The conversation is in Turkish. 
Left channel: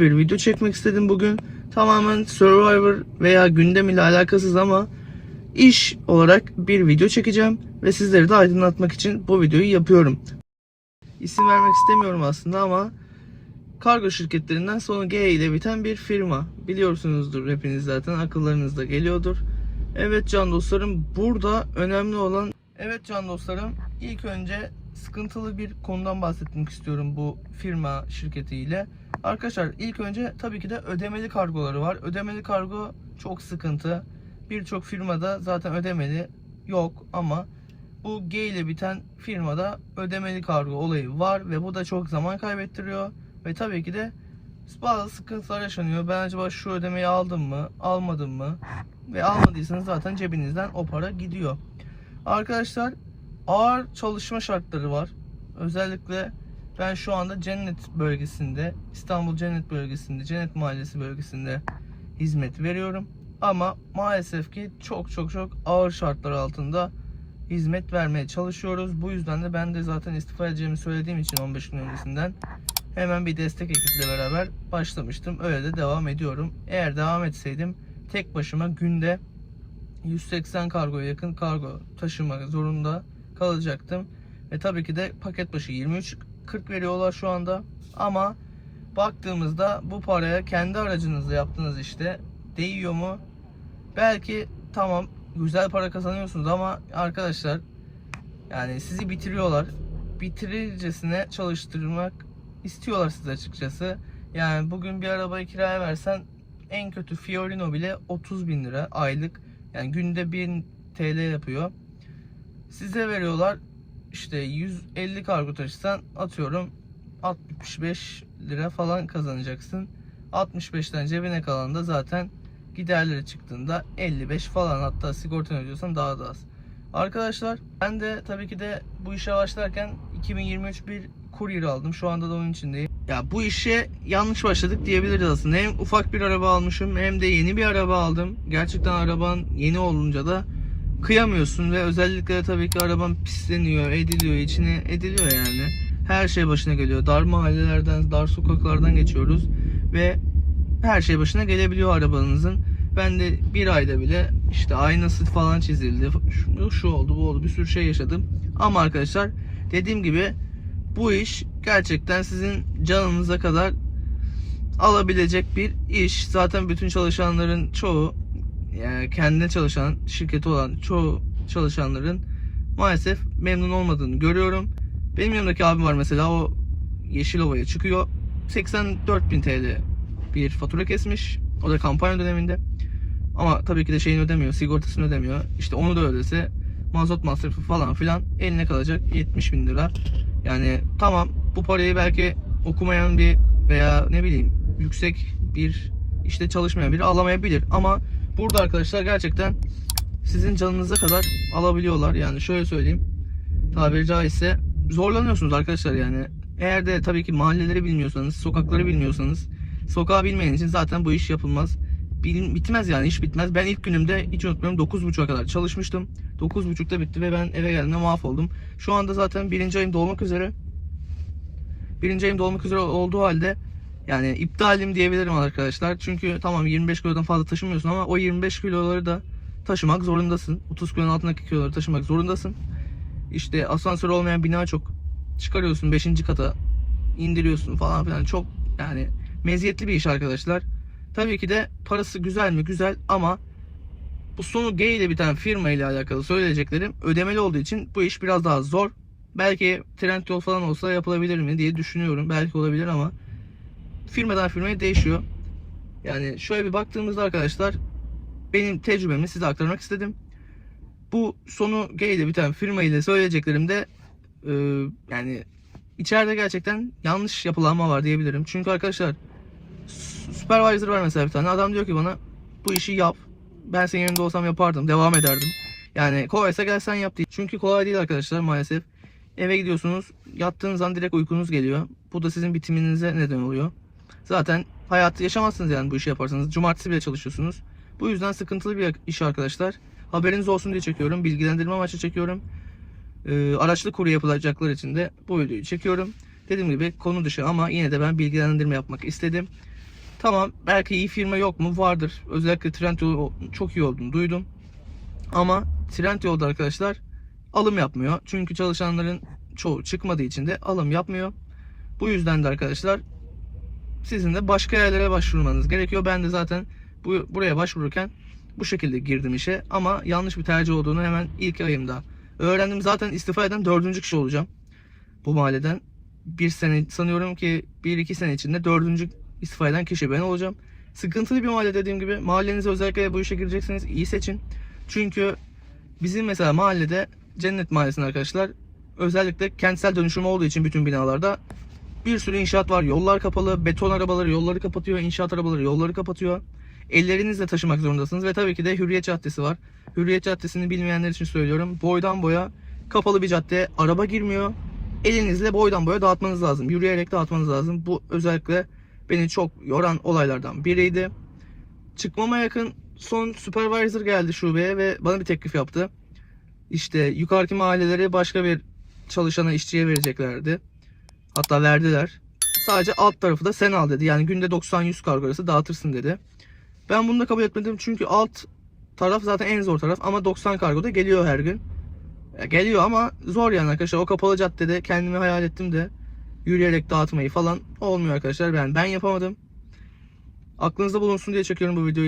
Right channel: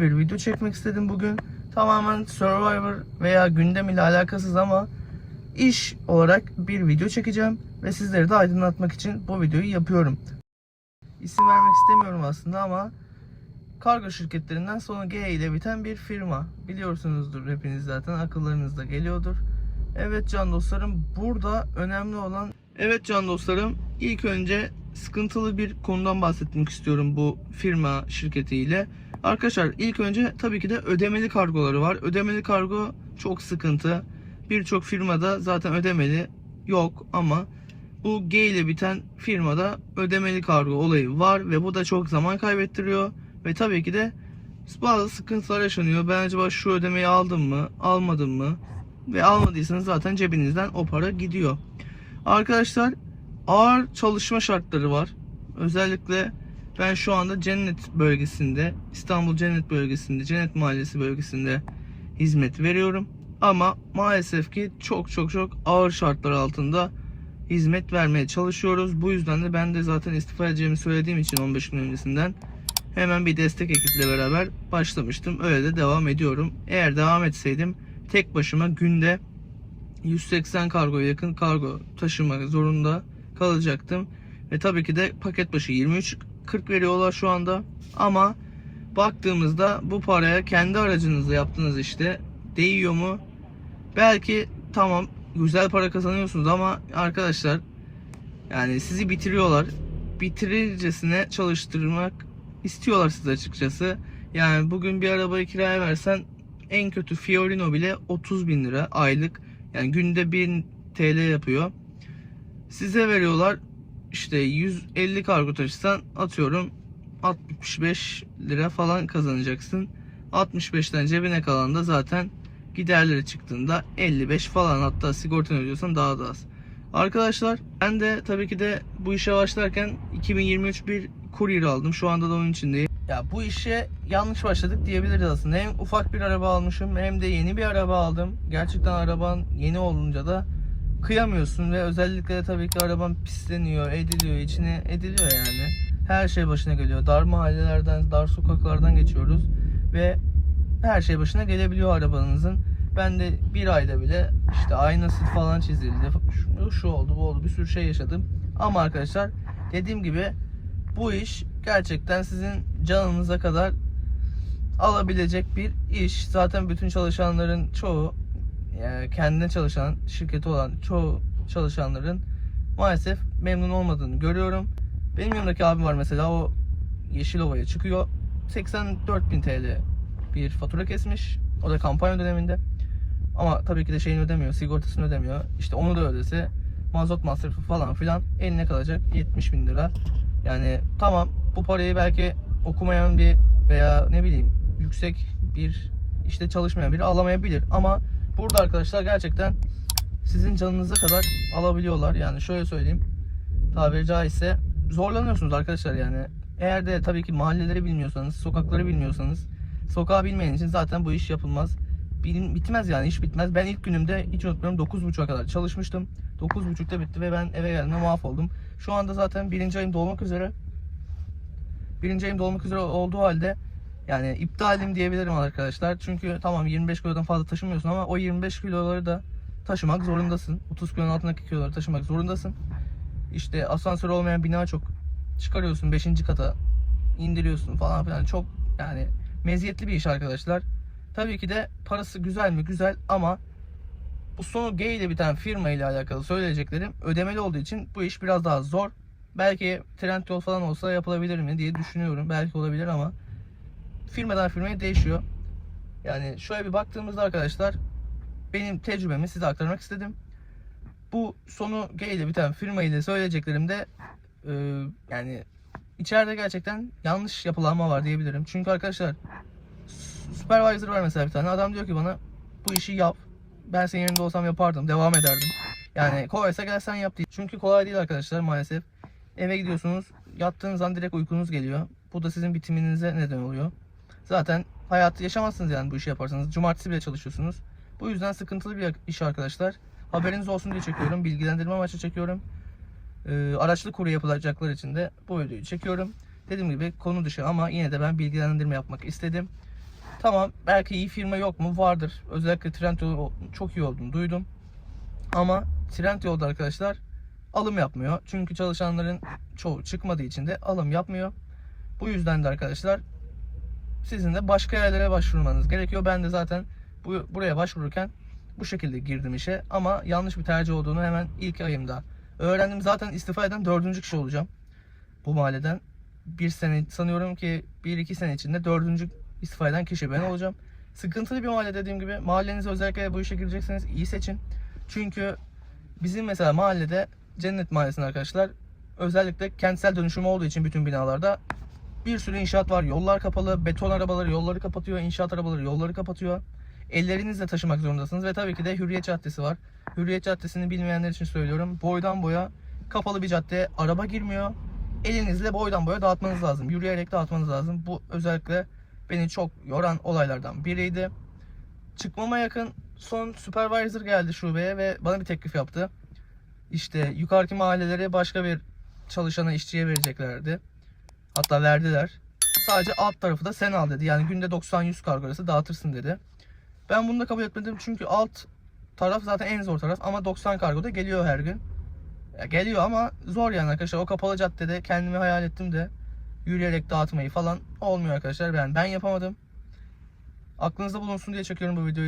bir video çekmek istedim bugün. Tamamen Survivor veya gündem ile alakasız ama iş olarak bir video çekeceğim ve sizleri de aydınlatmak için bu videoyu yapıyorum. İsim vermek istemiyorum aslında ama kargo şirketlerinden sonu G ile biten bir firma. Biliyorsunuzdur hepiniz zaten akıllarınızda geliyordur. Evet can dostlarım burada önemli olan Evet can dostlarım ilk önce sıkıntılı bir konudan bahsetmek istiyorum bu firma şirketiyle. Arkadaşlar ilk önce tabii ki de ödemeli kargoları var. Ödemeli kargo çok sıkıntı. Birçok firmada zaten ödemeli yok ama bu G ile biten firmada ödemeli kargo olayı var ve bu da çok zaman kaybettiriyor ve tabii ki de bazı sıkıntılar yaşanıyor. Ben acaba şu ödemeyi aldım mı, almadım mı? Ve almadıysanız zaten cebinizden o para gidiyor. Arkadaşlar ağır çalışma şartları var. Özellikle ben şu anda Cennet bölgesinde, İstanbul Cennet bölgesinde, Cennet Mahallesi bölgesinde hizmet veriyorum. Ama maalesef ki çok çok çok ağır şartlar altında hizmet vermeye çalışıyoruz. Bu yüzden de ben de zaten istifa edeceğimi söylediğim için 15 gün öncesinden hemen bir destek ekiple beraber başlamıştım. Öyle de devam ediyorum. Eğer devam etseydim tek başıma günde 180 kargoya yakın kargo taşımak zorunda kalacaktım. Ve tabii ki de paket başı 23.40 veriyorlar şu anda. Ama baktığımızda bu paraya kendi aracınızla yaptığınız işte değiyor mu? Belki tamam güzel para kazanıyorsunuz ama arkadaşlar yani sizi bitiriyorlar. Bitirircesine çalıştırmak istiyorlar size açıkçası. Yani bugün bir arabayı kiraya versen en kötü Fiorino bile 30 bin lira aylık. Yani günde 1000 TL yapıyor. Size veriyorlar işte 150 kargo taşısan atıyorum 65 lira falan kazanacaksın. 65'ten cebine kalan da zaten giderleri çıktığında 55 falan hatta sigortanı ödüyorsan daha da az. Arkadaşlar ben de tabii ki de bu işe başlarken 2023 bir Courier aldım. Şu anda da onun içindeyim. Ya bu işe yanlış başladık diyebiliriz aslında. Hem ufak bir araba almışım hem de yeni bir araba aldım. Gerçekten araban yeni olunca da kıyamıyorsun ve özellikle tabii ki araban pisleniyor, ediliyor, içine ediliyor yani. Her şey başına geliyor. Dar mahallelerden, dar sokaklardan geçiyoruz ve her şey başına gelebiliyor arabanızın. Ben de bir ayda bile işte aynası falan çizildi. Şu, şu oldu, bu oldu. Bir sürü şey yaşadım. Ama arkadaşlar dediğim gibi bu iş gerçekten sizin canınıza kadar alabilecek bir iş. Zaten bütün çalışanların çoğu yani kendine çalışan şirketi olan çoğu çalışanların maalesef memnun olmadığını görüyorum. Benim yanımdaki abim var mesela o Yeşilova'ya çıkıyor. 84.000 TL bir fatura kesmiş. O da kampanya döneminde. Ama tabii ki de şeyini ödemiyor, sigortasını ödemiyor. İşte onu da ödese mazot masrafı falan filan eline kalacak 70 bin lira. Yani tamam bu parayı belki okumayan bir veya ne bileyim yüksek bir işte çalışmayan biri alamayabilir. Ama burada arkadaşlar gerçekten sizin canınıza kadar alabiliyorlar. Yani şöyle söyleyeyim tabiri caizse zorlanıyorsunuz arkadaşlar yani. Eğer de tabii ki mahalleleri bilmiyorsanız, sokakları bilmiyorsanız, sokağı bilmeyen için zaten bu iş yapılmaz. Bitmez yani iş bitmez. Ben ilk günümde hiç unutmuyorum 9.30'a kadar çalışmıştım. 9.30'da bitti ve ben eve geldiğimde mahvoldum. Şu anda zaten birinci ayım dolmak üzere. Birinci ayım dolmak üzere olduğu halde yani iptalim diyebilirim arkadaşlar. Çünkü tamam 25 kilodan fazla taşımıyorsun ama o 25 kiloları da taşımak zorundasın. 30 kilonun altındaki kiloları taşımak zorundasın. İşte asansör olmayan bina çok. Çıkarıyorsun 5. kata indiriyorsun falan filan. Çok yani meziyetli bir iş arkadaşlar. Tabii ki de parası güzel mi? Güzel ama bu sonu G ile biten firma ile alakalı söyleyeceklerim ödemeli olduğu için bu iş biraz daha zor. Belki Trendyol falan olsa yapılabilir mi diye düşünüyorum. Belki olabilir ama firmadan firmaya değişiyor. Yani şöyle bir baktığımızda arkadaşlar benim tecrübemi size aktarmak istedim. Bu sonu G ile biten firma ile söyleyeceklerim de e, yani içeride gerçekten yanlış yapılanma var diyebilirim. Çünkü arkadaşlar supervisor var mesela bir tane. Adam diyor ki bana bu işi yap. Ben senin yerinde olsam yapardım. Devam ederdim. Yani kolaysa gel sen yap diye. Çünkü kolay değil arkadaşlar maalesef. Eve gidiyorsunuz. Yattığınız an direkt uykunuz geliyor. Bu da sizin bitiminize neden oluyor. Zaten hayatı yaşamazsınız yani bu işi yaparsanız. Cumartesi bile çalışıyorsunuz. Bu yüzden sıkıntılı bir iş arkadaşlar. Haberiniz olsun diye çekiyorum. Bilgilendirme amaçlı çekiyorum. Ee, araçlı kuru yapılacaklar için de bu videoyu çekiyorum. Dediğim gibi konu dışı ama yine de ben bilgilendirme yapmak istedim. Tamam belki iyi firma yok mu? Vardır. Özellikle Trendyol çok iyi olduğunu duydum. Ama Trendyol'da arkadaşlar alım yapmıyor. Çünkü çalışanların çoğu çıkmadığı için de alım yapmıyor. Bu yüzden de arkadaşlar sizin de başka yerlere başvurmanız gerekiyor. Ben de zaten bu, buraya başvururken bu şekilde girdim işe. Ama yanlış bir tercih olduğunu hemen ilk ayımda öğrendim. Zaten istifa eden dördüncü kişi olacağım. Bu mahalleden. Bir sene sanıyorum ki bir iki sene içinde dördüncü istifa eden kişi ben olacağım. Sıkıntılı bir mahalle dediğim gibi. Mahallenizi özellikle bu işe girecekseniz iyi seçin. Çünkü bizim mesela mahallede Cennet Mahallesi'nde arkadaşlar özellikle kentsel dönüşüm olduğu için bütün binalarda bir sürü inşaat var. Yollar kapalı. Beton arabaları yolları kapatıyor. inşaat arabaları yolları kapatıyor. Ellerinizle taşımak zorundasınız. Ve tabii ki de Hürriyet Caddesi var. Hürriyet Caddesi'ni bilmeyenler için söylüyorum. Boydan boya kapalı bir cadde. Araba girmiyor. Elinizle boydan boya dağıtmanız lazım. Yürüyerek dağıtmanız lazım. Bu özellikle beni çok yoran olaylardan biriydi. Çıkmama yakın son supervisor geldi şubeye ve bana bir teklif yaptı. İşte yukarıki mahalleleri başka bir çalışana işçiye vereceklerdi. Hatta verdiler. Sadece alt tarafı da sen al dedi. Yani günde 90-100 kargo arası dağıtırsın dedi. Ben bunu da kabul etmedim çünkü alt taraf zaten en zor taraf ama 90 kargo da geliyor her gün. Ya geliyor ama zor yani arkadaşlar. O kapalı caddede kendimi hayal ettim de yürüyerek dağıtmayı falan olmuyor arkadaşlar. Ben ben yapamadım. Aklınızda bulunsun diye çekiyorum bu videoyu.